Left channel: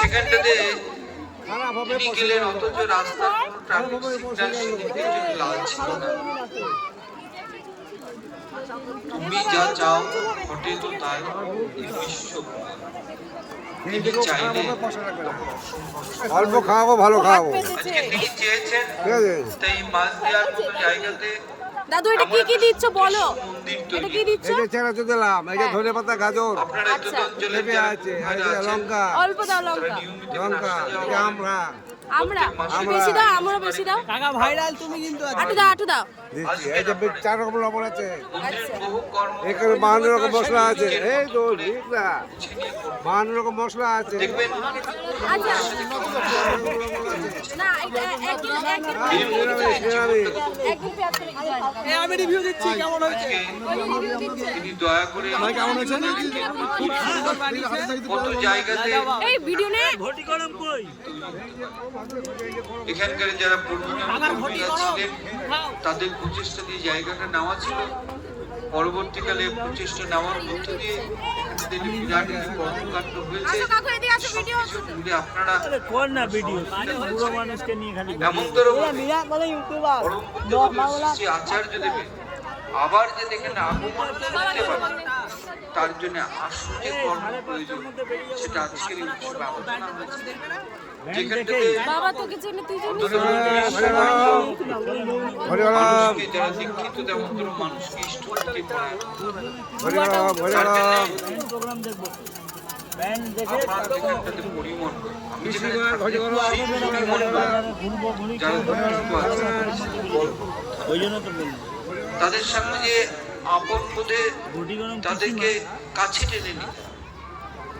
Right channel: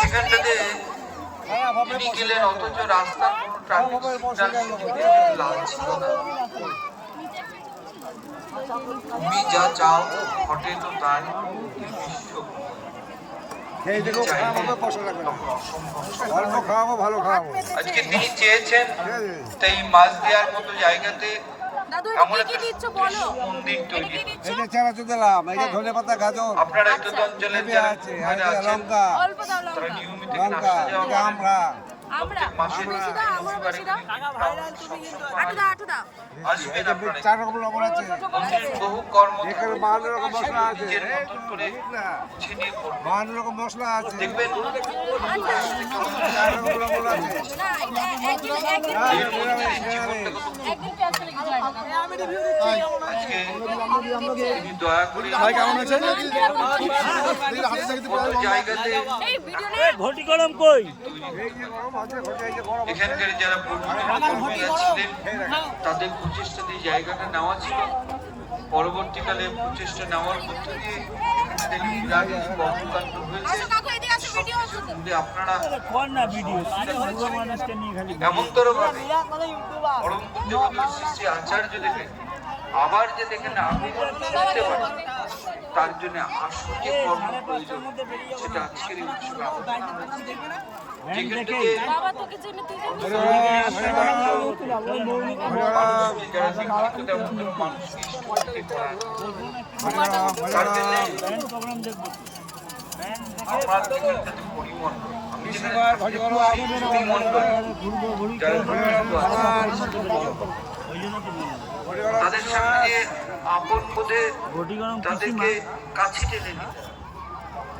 সেখানটাতে তিনি গেলেন, অথচ রাস্তার কোনো ট্রাফিক সিগন্যাল লাল ছিল না। তুমি যা চাও ঘটে তো তাই, এই বিশ্ব তিনি চাইলে তখন অসম্ভব। অল্প খাওয়াবো, ভালো খাওয়াবো। আজকে তিনি চেয়েছেন তাই মাছ দেওয়ার মতো জায়গাতে দাদু এটা কি কি দিচ্ছ বলো? মন্দির এটা তৈরি। কি দিচ্ছ? এই যে চানাচুর দিলাম, এই যে ধনেপাতা, গাজর, আপনারা এই অঞ্চলের পেঁপে যারা আছে, ভাইরা আর এই যে আছেন, লঙ্কা, অল্প দাও তারা লঙ্কা। নিয়মিত লঙ্কা, আসা যাওয়া এই যে করেন। আমরা আমরা প্রত্যেক মাসে বেশি দাও, আমরা বেশি দাও। কাকা ভাইরাল তুমি কিন্তু আটু দাও, আটু দাও। দিচ্ছি। এই যে 4 রকম লবণ আছে, মন্দিরের বহু কর্ম এখানে 52 রকম মশলা আছে, এই তো বুঝলা, 52 রকম মশলা আছে, দেখবেন 4 রকম লবণ আছে। না একদিন এর মধ্যে জীবনটা কত একদিন পেঁয়াজ করে দিতে হয় না। আমি রিভিউ দিচ্ছি কেমন আজকে তিনি দয়া করে ভাই কেমন আছেন? কত জায়গাতে এই ভিডিও নে ঘটি গরম কই এখানকার যারা কর্মীরা ছিলেন তাদের প্রচেষ্টা দিয়ে জায়গাটা নেওয়া ছিল। পরবর্তীকালে প্রচেষ্টা নেওয়ার মধ্য দিয়ে এখানে বিরাট কিছু কর্মকাণ্ড হয়েছে। সবকিছু মিলে আপনারা কোন না ভিডিও পুরো মানুষকে নিয়ে খালি এমনতর ভাবে পরম পূজ্যপাদ শ্রী শ্রী আচার্য দেবেন আবার যে এখানে আগমন করতে পারে, তার জন্য আসল যে কর্ম প্রয়োজন সেটা আজকের এই উৎসবে আলোচনা হয়েছে। যেখান থেকে বাবা তোকে জন্য তুই অন্তত মানুষকে যারা শিক্ষিত তেমন মানুষকে ইষ্টভূতি করা, তার জন্য প্রোগ্রাম দেখবো ব্যান্ড দেখে আমরা যেখানটাতে পরিমণ্ডল, আমি যেখানে ঘটি গরম, সেই পরিমণ্ডল যারা ধর্মযুক্ত আছে, ওই জন্য তো বলবো তাদের সামনে যে আপন বোধে ঘটি গরম তাদেরকে কাছে টেনে নিতে হবে।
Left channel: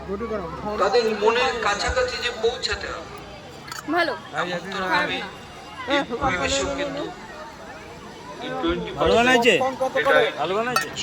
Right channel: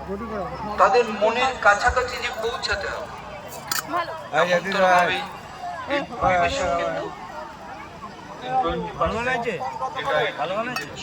ঘটি গরম। তাদের মনের কাছাকাছি যে পৌঁছাতে হবে, ভালো। এই যে দিদা, ভাবে এই পরিবেশও কিন্তু এই 20% ভালো বানাইছে এটা ভালো বানাইছে